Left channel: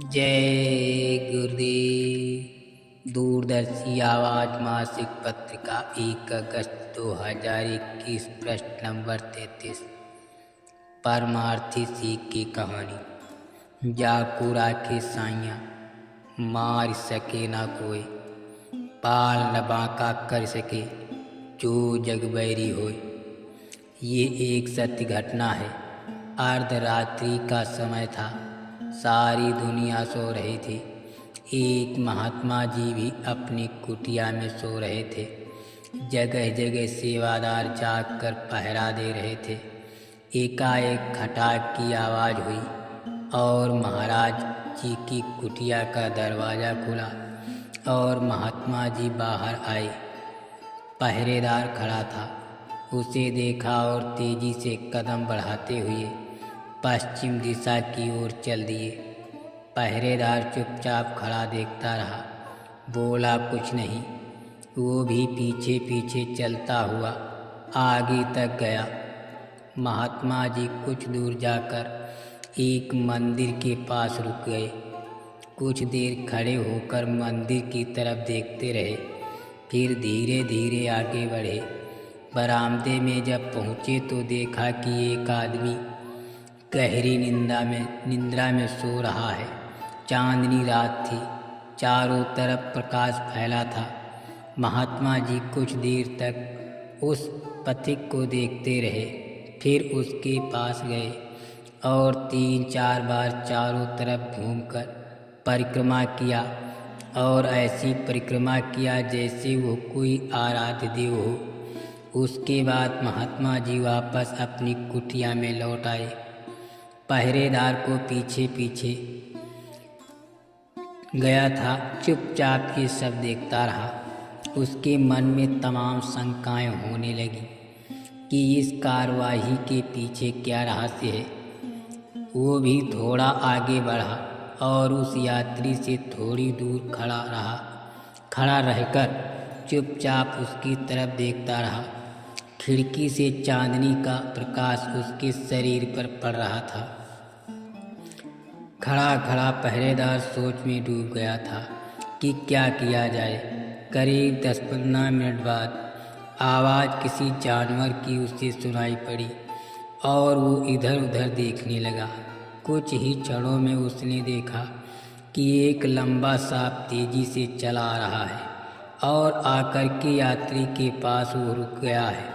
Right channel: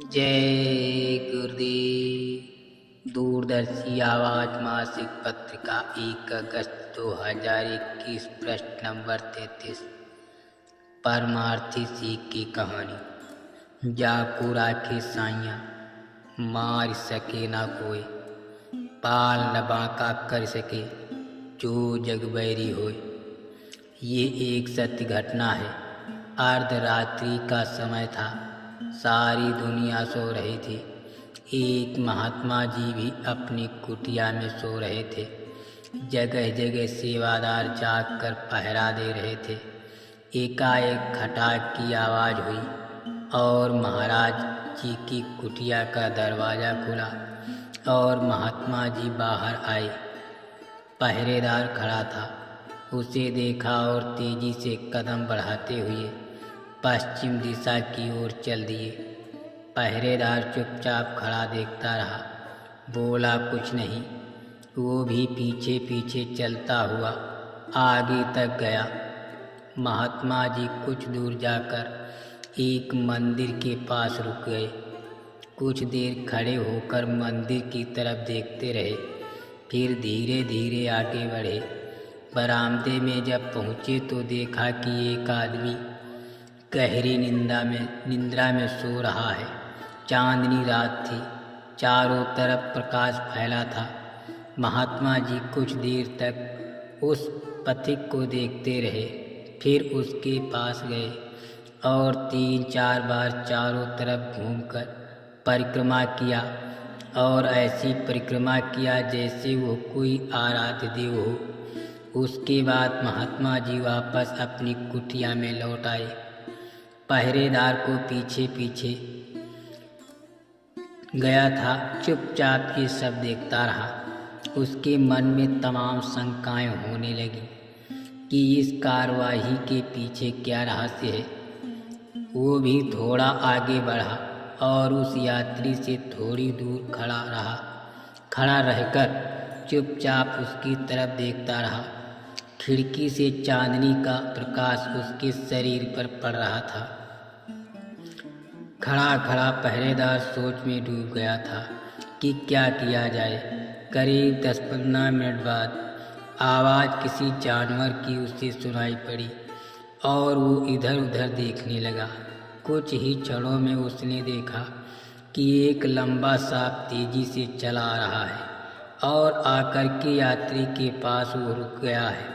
जय गुरुदेव। दूरदर्शी आवाज मासिक पत्रिका 1 अगस्त 2021 पृष्ठ नंबर 33। परमार्थी सीख की कहानी। जाको राखे साइया मार सके ना कोई, पाल न बांका कर सके जो जग बैरी होए। ये एक सत्य घटना है। अर्धरात्रि का समय था, सारी दुनिया सो रही थी। एक महात्मा जी भी अपनी कुटिया में सो रहे थे। जगह जगह सेवादार जाग कर पहरा दे रहे थे। एकाएक खटाक की आवाज़ हुई और महाराज जी की कुटिया का दरवाज़ा खुला और महात्मा जी बाहर आए। पहरेदार खड़ा था, उसे देखा और तेजी से कदम बढ़ाते हुए पश्चिम दिशा की ओर चल दिए। पहरेदार चुपचाप खड़ा देखता रहा, बोला कुछ नहीं। वो भी पीछे पीछे चलता हुआ आगे तक गया। महात्मा जी कुछ दूर जाकर एक मंदिर के पास रुक गए। कुछ देर खड़े होकर मंदिर की तरफ देखते रहे, फिर धीरे धीरे आगे बढ़े। बरामदे में जब पहुँचे तो देखा कि एक आदमी गहरी निंद्रा में सो रहा है। चांदनी रात थी, चारों तरफ प्रकाश फैला था। महात्मा जी कुछ देर तक उस पथिक को देखते रहे, फिर उसके पास गए और 3-4 बार चारों तरफ घूमकर परिक्रमा किया और ऐसी परिक्रमा किया जैसे वो कोई आराध्य देव हो। उसके बाद महात्मा जी वापस अपनी कुटिया में लौट आए। पहरेदार को पीछे पीछे गया था, चुपचाप ये सब देखता रहा। उसके मन में तमाम शंकाएं होने लगी कि इस कार्यवाही के पीछे क्या रहस्य है। वो भी थोड़ा आगे बढ़ा और उस यात्री से थोड़ी दूर खड़ा रहकर चुपचाप उसकी तरफ देखता रहा। खिड़की से चांदनी का प्रकाश उसके शरीर पर पड़ रहा था। खड़ा खड़ा पहरेदार सोच में डूब गया था कि क्या किया जाए। करीब 10-15 मिनट बाद आवाज़ किसी जानवर की उसे सुनाई पड़ी और वो इधर उधर देखने लगा। कुछ ही क्षणों में उसने देखा कि एक लंबा सांप तेजी से चला आ रहा है और आकर के यात्री के पास वो रुक गया है।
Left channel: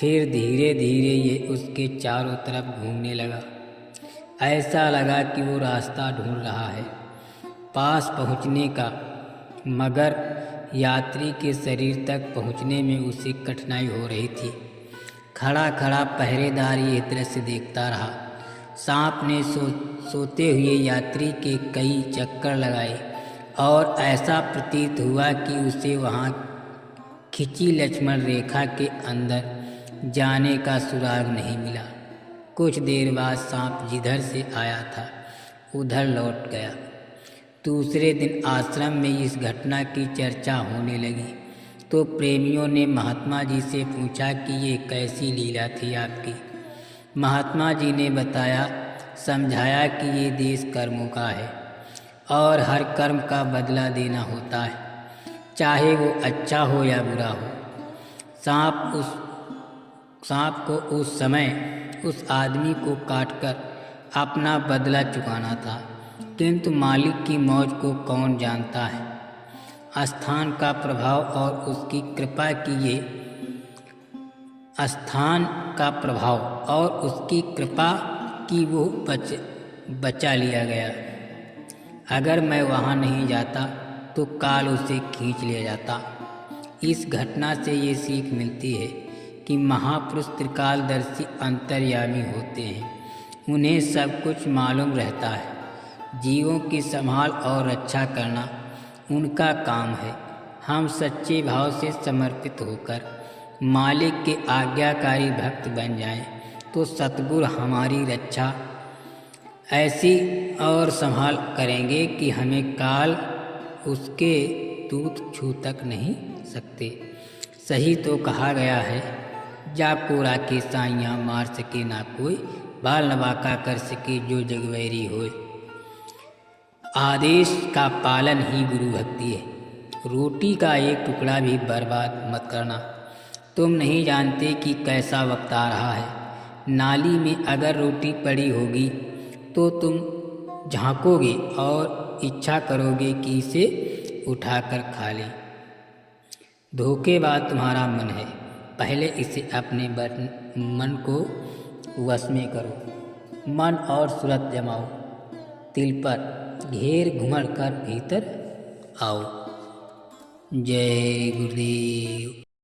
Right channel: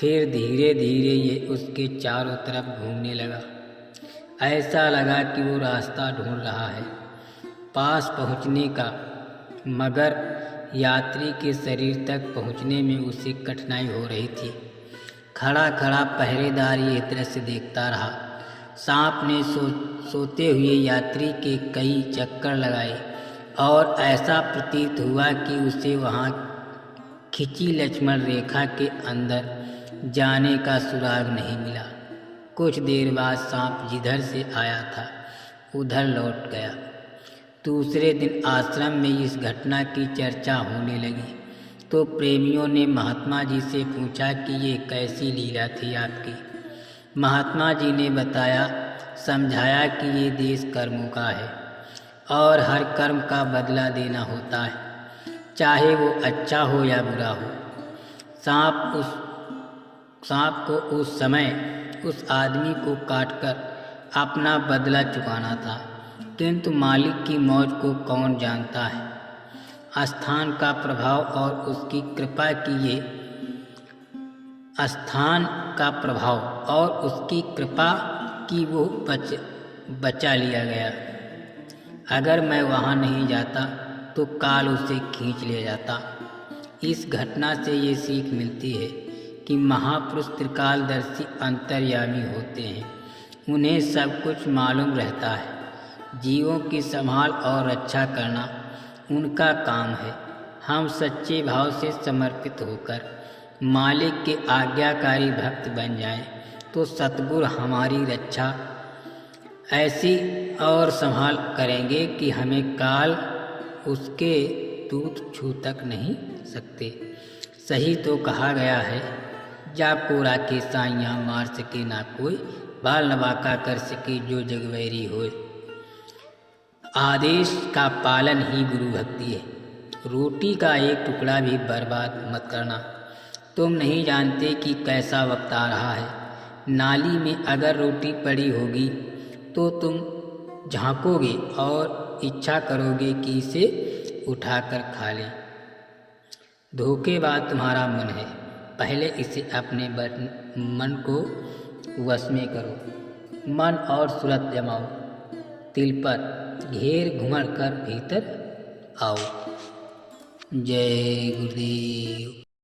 फिर धीरे धीरे ये उसके चारों तरफ घूमने लगा। ऐसा लगा कि वो रास्ता ढूंढ रहा है पास पहुंचने का, मगर यात्री के शरीर तक पहुंचने में उसे कठिनाई हो रही थी। खड़ा खड़ा पहरेदार ये दृश्य देखता रहा। सांप ने सोते हुए यात्री के कई चक्कर लगाए और ऐसा प्रतीत हुआ कि उसे वहाँ खिंची लक्ष्मण रेखा के अंदर जाने का सुराग नहीं मिला। कुछ देर बाद सांप जिधर से आया था उधर लौट गया। दूसरे दिन आश्रम में इस घटना की चर्चा होने लगी तो प्रेमियों ने महात्मा जी से पूछा कि ये कैसी लीला थी आपकी। महात्मा जी ने बताया, समझाया कि ये देश कर्मों का है और हर कर्म का बदला देना होता है, चाहे वो अच्छा हो या बुरा हो। सांप को उस समय उस आदमी को काटकर अपना बदला चुकाना था, किंतु मालिक की मौज को कौन जानता है। स्थान का प्रभाव और उसकी कृपा की ये स्थान का प्रभाव और उसकी कृपा की वो बचा लिया गया। अगर मैं वहाँ नहीं जाता तो काल उसे खींच ले जाता। इस घटना से ये सीख मिलती है कि महापुरुष त्रिकालदर्शी अंतर्यामी होते हैं। उन्हें सब कुछ मालूम रहता है। जीवों की संभाल और रक्षा करना उनका काम है। हम सच्चे भाव से समर्पित होकर मालिक के आज्ञाकारी भक्त बन जाएं तो सतगुरु हमारी रक्षा ऐसी और संभाल करेंगे कि हमें काल उसके दूत छू तक नहीं सकते। सही तो कहा गया है, जाको राखे साइया मार सके ना कोई, बाल न बांका कर सके जो जग बैरी होए। आदेश का पालन ही गुरु भक्ति है। रोटी का एक टुकड़ा भी बर्बाद मत करना। तुम नहीं जानते कि कैसा वक्त आ रहा है। नाली में अगर रोटी पड़ी होगी तो तुम झांकोगे और इच्छा करोगे कि इसे उठाकर खा लें। धोखेबाज तुम्हारा मन है, पहले इसे अपने मन को वश में करो। मन और सूरत जमाओ, तिल पर घेर घुमड़ कर भीतर आओ। जय गुरुदेव।